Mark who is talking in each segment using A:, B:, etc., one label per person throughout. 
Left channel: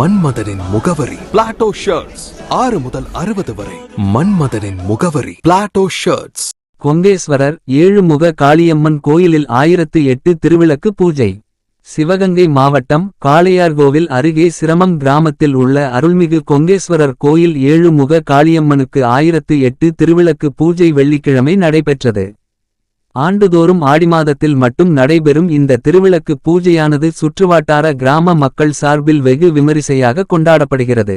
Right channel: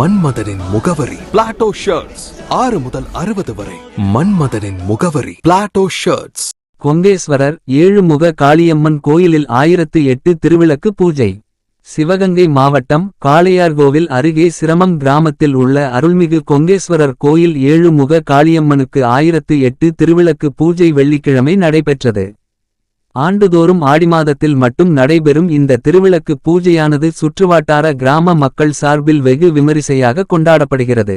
A: மன்மதனின் முகவரி. Plato shirts ஆறு முதல் அறுபது வரை. மன்மதனின் முகவரி. பிளாட்டோ ஷர்ட்ஸ்
B: கொங்கேஸ்வரர் ஏழுமுக காளியம்மன் கோயிலில் ஆயிரத்து எட்டு திருவிளக்கு பூஜை. சிவகங்கை மாவட்டம் காளையார்கோவில் அருகே சிரமம் கிராமத்தில் உள்ள அருள்மிகு கொங்கேஸ்வரர் கோயில் ஏழுமுக காளியம்மனுக்கு ஆயிரத்து எட்டு திருவிளக்கு பூஜை வெள்ளிக்கிழமை நடைபெற்றது. ஆண்டுதோறும் ஆடி மாதத்தில் மட்டும் நடைபெறும் இந்த திருவிளக்கு பூஜையானது சுற்றுவாட்டார கிராம மக்கள் சார்பில் வெகு விமரிசையாக கொண்டாடப்படுகிறது.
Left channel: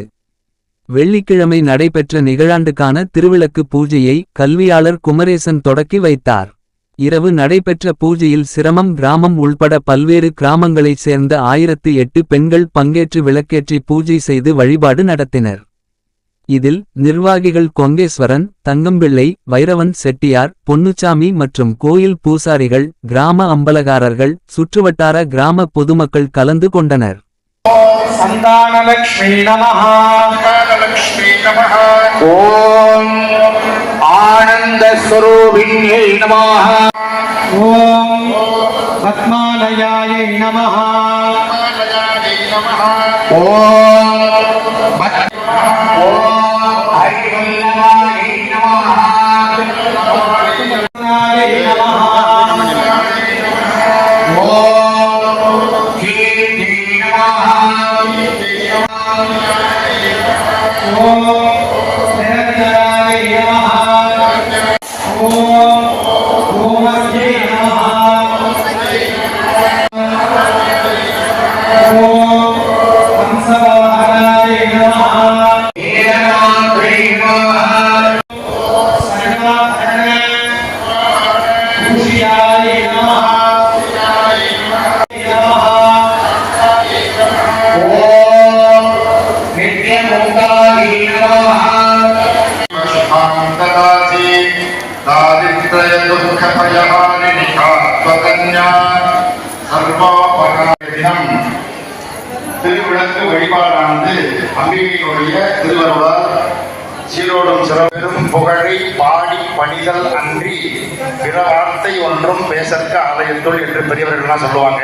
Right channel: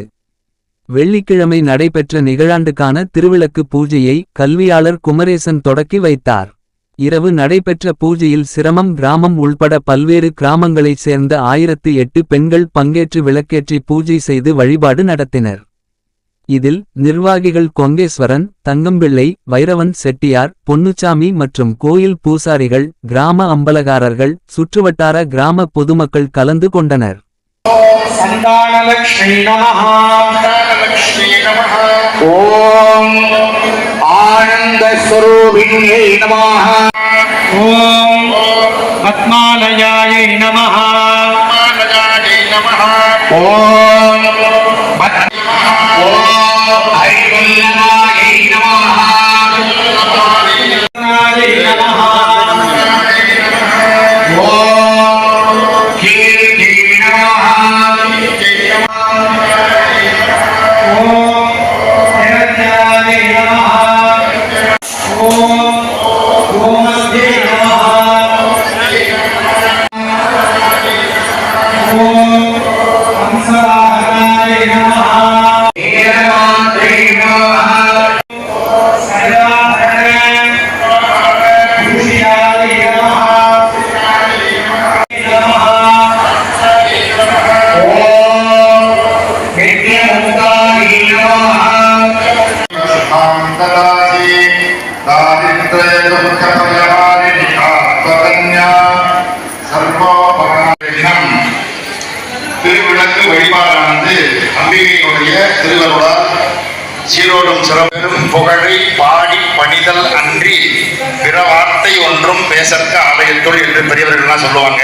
B: வெள்ளிக்கிழமை நடைபெற்ற நிகழாண்டுக்கான திருவிளக்கு பூஜையை கல்வியாளர் குமரேசன் தொடக்கி வைத்தார். இரவு நடைபெற்ற பூஜையில் சிரமம் கிராமம் உள்பட பல்வேறு கிராமங்களைச் சேர்ந்த ஆயிரத்து எட்டு பெண்கள் பங்கேற்று விளக்கேற்றி பூஜை செய்து வழிபாடு நடத்தினர். இதில் நிர்வாகிகள் கொங்கேஸ்வரன் தங்கம்பிள்ளை வைரவன் செட்டியார் பொன்னுச்சாமி மற்றும் கோயில் பூசாரிகள் கிராம அம்பலகாரர்கள் சுற்றுவட்டார கிராம பொதுமக்கள் கலந்து கொண்டனர்.
C: ஓம் ஆனந்த ஸ்வரூபிணியை நமாக ஓம் பத்மாலயாயை நமஹ. ஓம் Oh.
D: திருவிளக்கு வழிபாடானது அம்பிகையுடைய திருவருளால் சீரோடும் சிறப்பெரும் புகழை பாடி பணிதல் அன்றி பிற வார்த்தை ஒன்றும் பேசற்க ஆலயத்துள் என்று பெரியவர்கள்லாம் சொல்லுவாங்க